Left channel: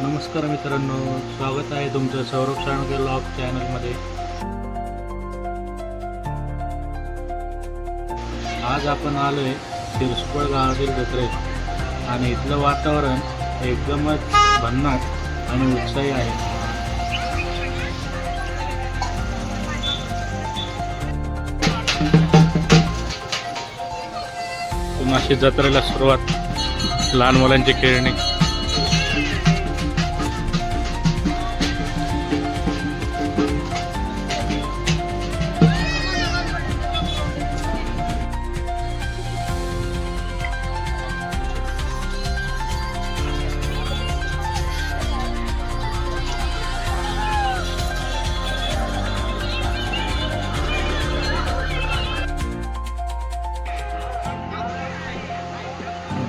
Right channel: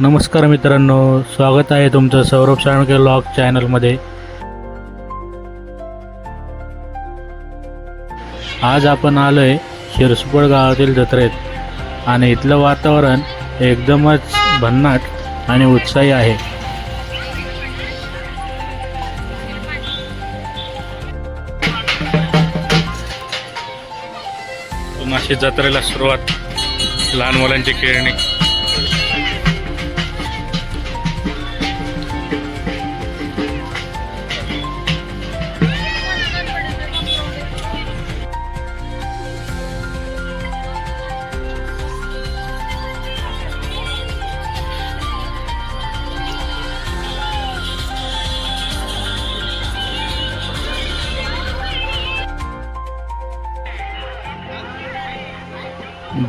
नमस्कार मित्रांनो, स्वागत आहे तुमचं सौरभ साळुंखे व्लॉग चॅनलमध्ये। आज आपण आलोय शिरसुपड गावातील जत्रेत आणि इथलं वातावरण एकदमच भन्नाट आणि उत्साही आहे। नाशी जत्रेला सुरुवात, लहान मुलांची खेळणी।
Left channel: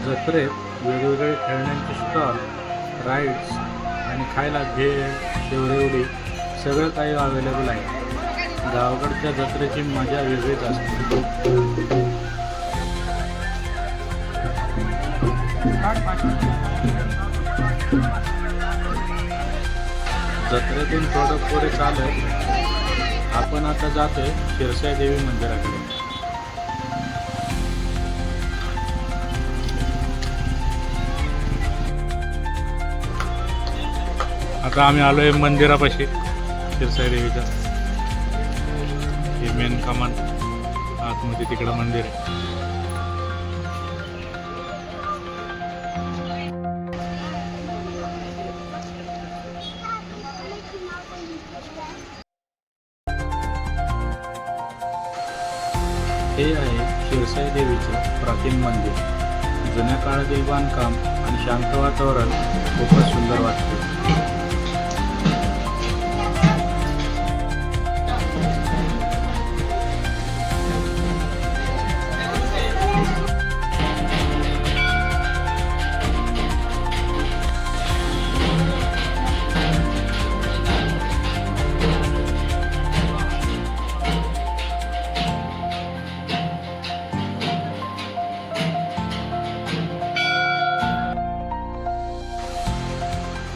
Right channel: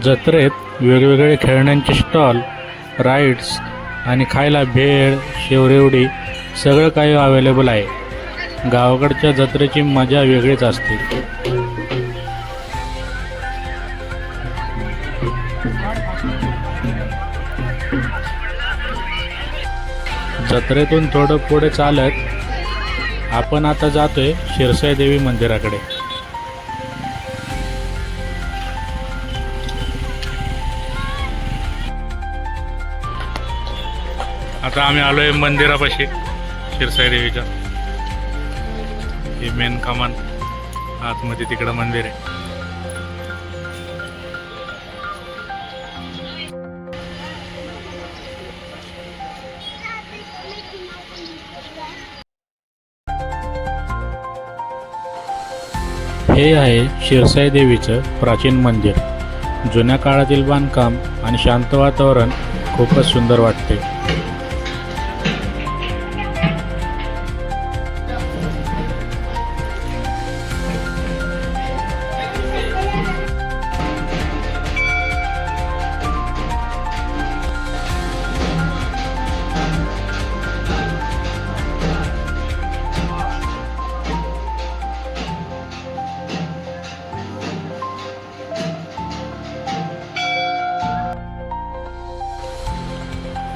जत्रेत वेगवेगळे खेळण्यांचे स्टॉल, राईड्स आणि खायला भेळ, शेवरेवडी सगळं काही अवेलेबल आहे। गावाकडच्या जत्रेची मजा वेगळीच असते। जत्रेतून थोडं पुढे चालत आपण आता जातोय शिरसाई देवी मंदिराकडे। आता आम्ही आलोय मंदिरापाशी, शिरसाई देवीच्या। हे मेन कमान, आतमध्ये तिकडं मंदिर आहे। हे आहे शिरसाई देवीचं प्राचीन मंदिर। जुन्या काळातील बांधकाम आणि शांत वातावरण खूपच सुंदर वाटते।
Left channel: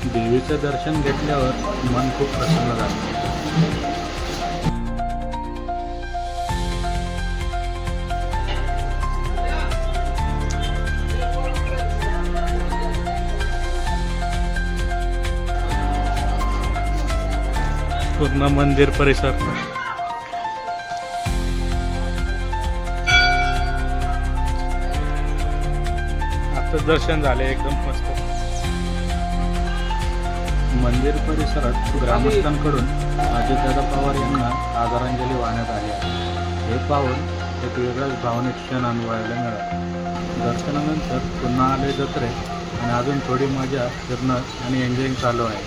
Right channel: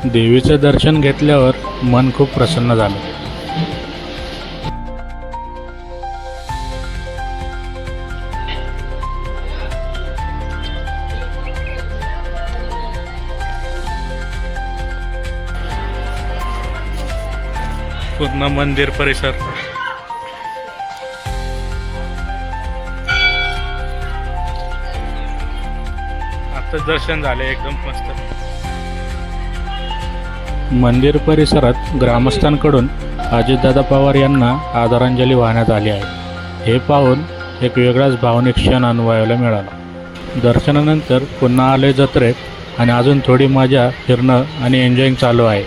देवीचे दर्शन घेतल्यावर मन खूप प्रसन्न झालं। पूर्ण मंदिर परिसर आता दर्शन झाले, एकदम मस्त। मंदिर परिसरात ग्रामस्थांकडून अजितदादा पवार यांना आदरांजली वाहण्यात आली आहे। हे पाहून एक वेगळाच भावनिक क्षण अनुभवायला मिळाला। दर्शनानंतर पुन्हा आले जत्रेत आणि अजून थोडी मजा, फिरणं आणि एन्जॉईंग चालू आहे।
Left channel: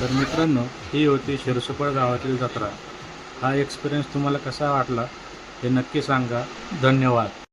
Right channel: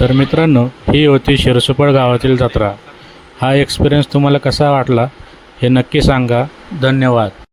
तर मित्रांनो, ही होती शिरसुपड गावातील जत्रा। हा एक्सपिरियन्स तुम्हाला कसा वाटला हे नक्की सांगा। धन्यवाद।